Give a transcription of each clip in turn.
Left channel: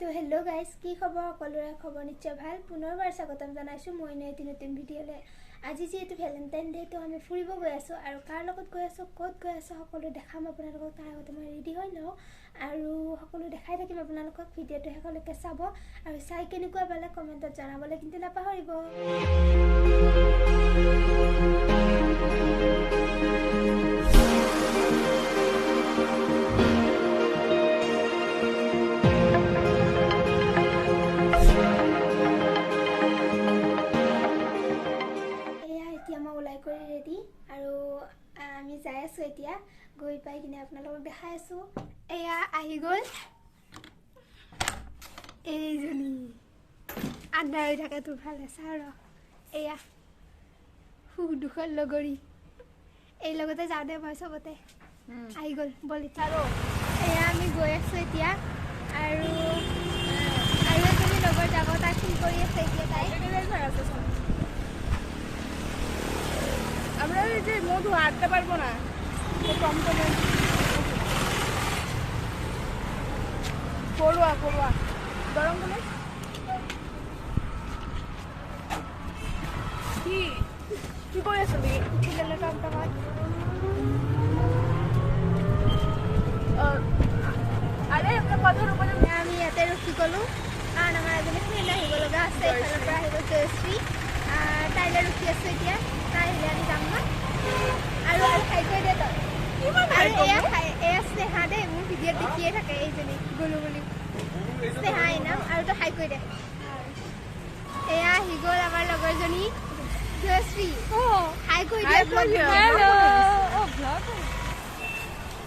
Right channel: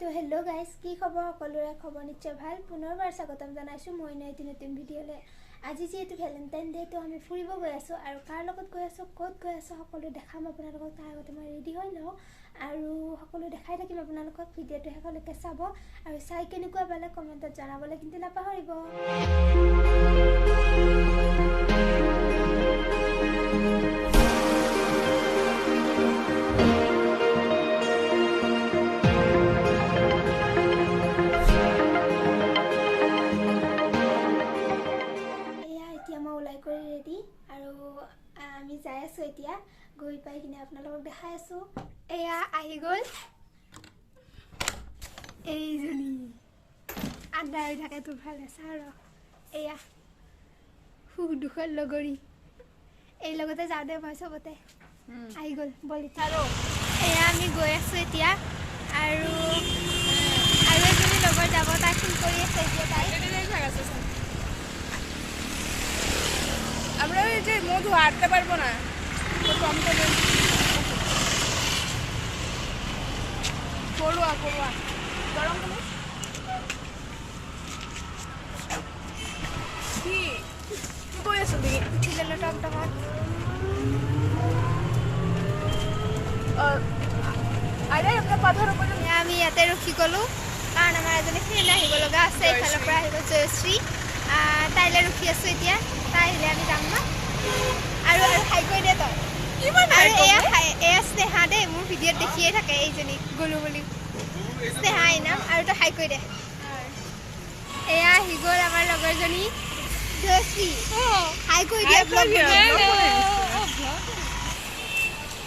তো hello' guys, কি খবৰ? সকলোৰে খবৰ নিশ্চয় ভাল। পুনৰবাৰ স্বাগতম জনাইছোঁ মই এটি নতুন ভিডিঅ'লৈ। আজি যিহেতু ভেলেণ্টাইন ডে, তো আমি ফুৰিব গৈ আছোঁ আৰু কাৰ লগত গৈ আছোঁ, ক'ত গৈ আছোঁ সকলো দেখাম আপোনালোকক। তাৰ আগতে মই ৰেডি হৈ লওঁ আৰু সকলো দেখাই থাকিম আপোনালোকক। ভিডিঅ'টো শেষলৈকে চাব আৰু চাই কেনেকুৱা পালে কমেণ্টত জনাবলৈ কিন্তু নাপাহৰিব। ৰেডি আৰু আমি যাই আছোঁ। এতিয়া গৈ পাই কিনে আপোনালোকক দেখাই আছোঁ। এয়া আহি গ'ল এইজনী, আন্ধাৰ থাকে তোৰ ভাল আছে আৰু এয়া সুখ দুখৰ লগৰী। এই লগতে যাওঁ দে মই চবতে। আহি গ'ল বল এতিয়া। এয়া আমি গৈ আছোঁ এতিয়া আৰু এজনী লগৰ যাব, তাই ফোন কৰি আছে এতিয়া। তাই আমরা এই যে মধু হাঁটতে পারবো না, টমটমে পড়ুয়া পড়ুয়া গরম হলে কি তুই কই আসলি? উঠিলে টমটমত। আরে একটা কথার উপরে আমি ইয়াতে ৰখি গ'লোঁ কাৰণ আমাৰ এজনী ফ্ৰেণ্ড আহিব লগা আছে। এইফালৰ পৰা আহিব জয়শ্ৰী, তাইলৈ ৰখি আছোঁ এতিয়া। তাই আহিলে আমি যাম ন। আৰু হাই কৰি দে তই। আৰু এয়া স্নেহা দেই, মোৰ ভিডিঅ'ত দেখিয়ে থাকে এইজনী গ'লোঁ বুলি। স্নেহা নাম। আৰু তই হাই কৰি দে। এয়া আহি গ'ল আমাৰ লগৰজনী জয়শ্ৰী। হাই কৰি দিয়ে।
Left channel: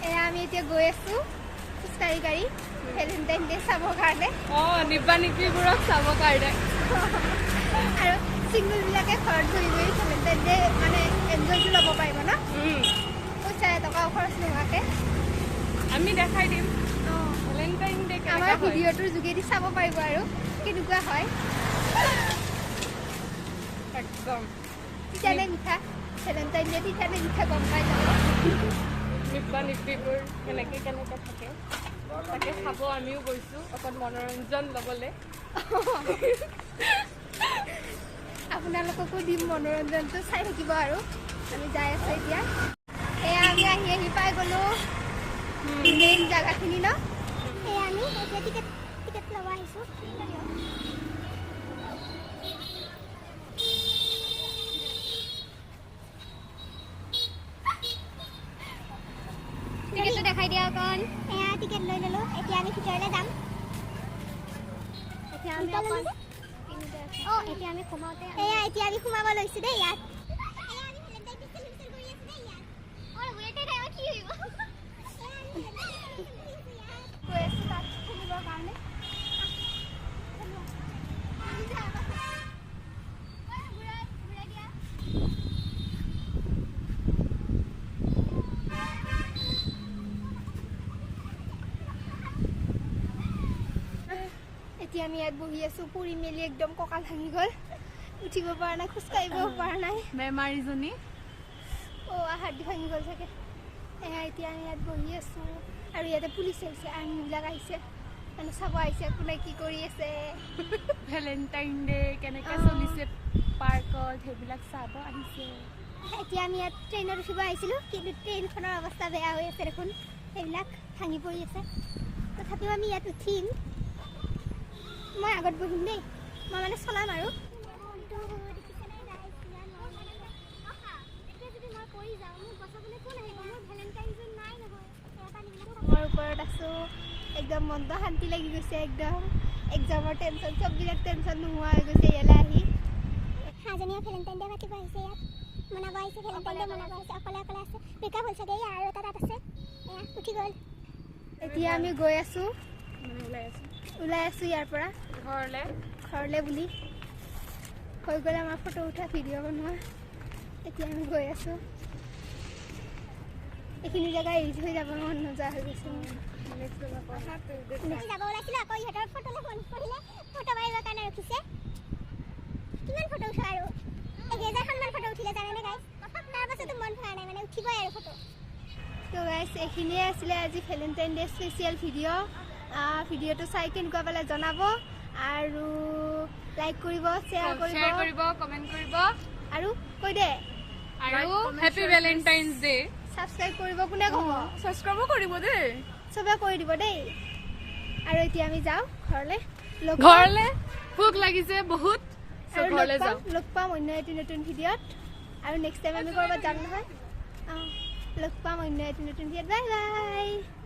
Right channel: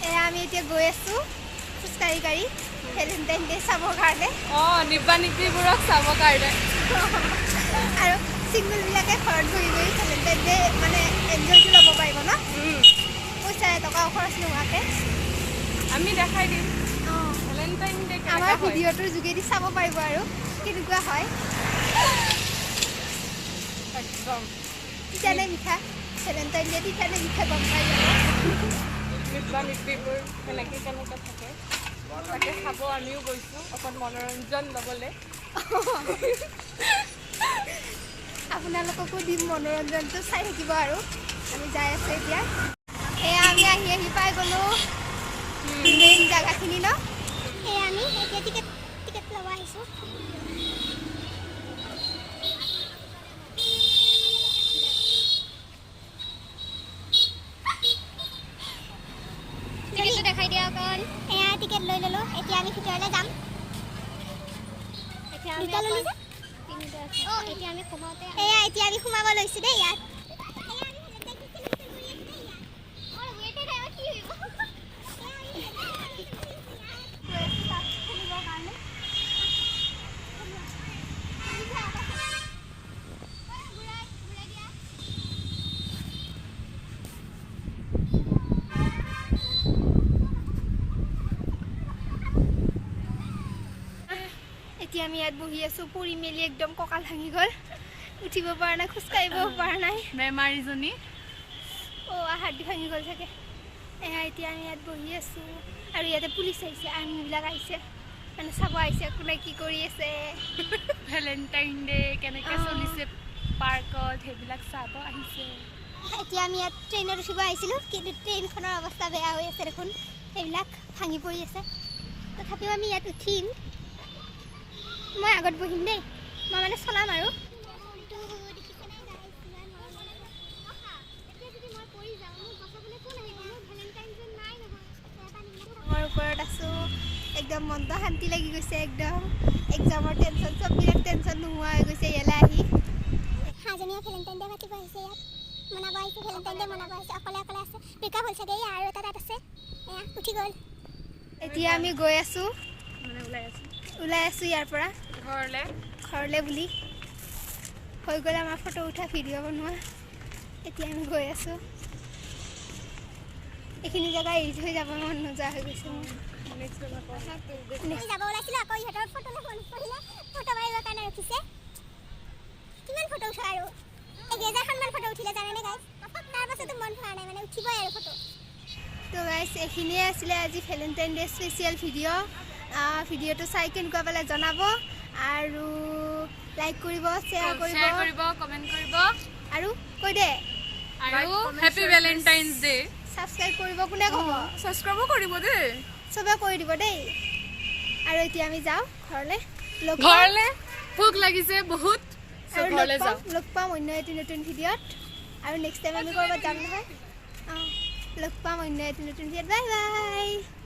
এয়া আমি এতিয়া গৈ আছোঁ খোজকাঢ়ি কাঢ়ি ভেলেণ্টাইন ডে চাবৰ কাৰণে। নিব্বা নিব্বিবোৰক চাবৰ কাৰণে। আৰু চিংগুলবিলাকে ঘৰত বহি বহি ভেলেণ্টাইন ডে মানে এনজয়টো ল'ব পাৰিব ন। পইচা টকা খৰচ নোহোৱাকৈ আমি দেখাই দিম ভেলেণ্টাইন ডে আমাৰ ভিডিঅ'টোৰ যোগেদি চাব পাৰিব আৰু কেনেকুৱা হয়। একদম তিতানে মিঠা ভেলেণ্টাইন ডে, তিতানে মিঠা গম পাই যাব। নিব্বা নিব্বিবোৰ কেনেকৈ থাকে তাকে চাব আমিও গৈছোঁ অকণ মনোৰঞ্জন ল'বলৈ। আপোনালোককো দিম মনোৰঞ্জনটো, চাই থাকিব আৰু। আমি যাই আছোঁ এতিয়া। এয়া আমি আহি পাই গ'লোঁ মেইন জেগাখিনি ন। এয়া আমি এতিয়া টিকেট ল'ব আহিছোঁ। টিকেটটো দেখাই দিয়া অকণ। এয়া টিকেট লৈ ল'লোঁ। এতিয়া আমি ভিতৰলৈ যাম। এতিয়া আমি সোমাব লৈছোঁ দেই ইয়াত। এতিয়া আমি ইয়াত বহি আছোঁ, পৰি মেলি একদম কঁকাল ভাঙি গ'ল, উঠিব পৰা নাই, খোজকাঢ়িব পৰা নাই। বেমাৰীজনী হাৰ্ডি ভাঙি গ'ল চাগে। এতিয়া আমি ইয়াত বহি আছোঁ আৰু ইয়াতে পুলিচ আহিছে, আৰ্মিবিলাক আহিছে, মানে চাব আহিছে কোনে কি কৰি আছে। ভেলেণ্টাইন ডে কেনেকৈ চলিছে পাৰ্কত সেইবিলাক চাব আহিছে। এতিয়া আমি ইয়াত ট্ৰেইনত উঠিব আহিছিলোঁ, কিন্তু ট্ৰেইনখনৰ অৱস্থা বেয়া হৈ আছে দেখোন, সেইবিলাক ভাঙি পৰি আছে। তথাপিও আমি ইয়াত উঠিম। মই আগত বহিম দেই, মই মানে চলাম আৰু। মই ওপৰত আছোঁ, একদম মনটো শান্তি লাগি গৈছে। একদম এক্সামৰ টেনশ্যন, চববিলাক টেনশ্যন নোহোৱা হৈ গৈছে ইয়ালৈ আহি। হাজনীয়ে ভেলেণ্টাইন ডে পাতিব আহিছে, ইয়াত মনাব আহিছে। ভেলেণ্টাইন ডে মনাব আহিছে, অকলে অকলে আছে। ব্ৰেকআপ হ'ল চাগে, আৰু এটা তাত আছে, এয়া উঠি গ'ল। এতিয়া আমি গৈ আছোঁ, ওলাই আছোঁ ইয়াৰ পৰা ঘৰলৈ বুলি। হৈ গ'ল আমাৰ ফটো উঠা, ভিডিঅ' বনোৱা। এতিয়া আমি গৈ আছোঁ। এইখিনি জেগা এৰি থৈ যাব মন নোযোৱা হৈ গৈছে মোৰ। যাব ওলাইছিলোঁ, আকৌ ইহঁতৰ ফটোলৈ ফোন কৰিলে, ফটো মাৰিবৰ কাৰণে ৰখিছে। কিমান ফটো উঠা আৰু 1000খনমান ফটো উঠিলে জানেনে গাইজ। তাৰপাছতো মন ভৰা নাই, মানে উঠিবই আৰু ফটো। তো গাইজ এইখিনিয়ে আছিলে আজি ভেলেণ্টাইন ডে স্পেচিয়েল ভিডিঅ'। ভিডিঅ'টো চাই কেনেকুৱা পালে জনাব আৰু লাইক কৰিব শ্বেয়াৰ কৰিব কমেণ্ট কৰিব আৰু কৈ দে আৰু হেপী ভেলেণ্টাইনছ ডে ছাবস্ক্ৰাইব কৰিব কোনে ক'ব ছাবস্ক্ৰাইবো কৰিব দেই চবে কৰি দিব দেই আৰু এতিয়া আমি যাওঁ ঘৰলৈ ভোক লাগিছে বহুত ঘৰলৈ যাওঁ লগ পাম অন্য এটি নতুন ভিডিঅ'ত আৰু নেক্সট টাইম আমি ক'ৰবাত যাম নহয় লগ পাম অন্য এটি নতুন ভিডিঅ'ত বাই বাই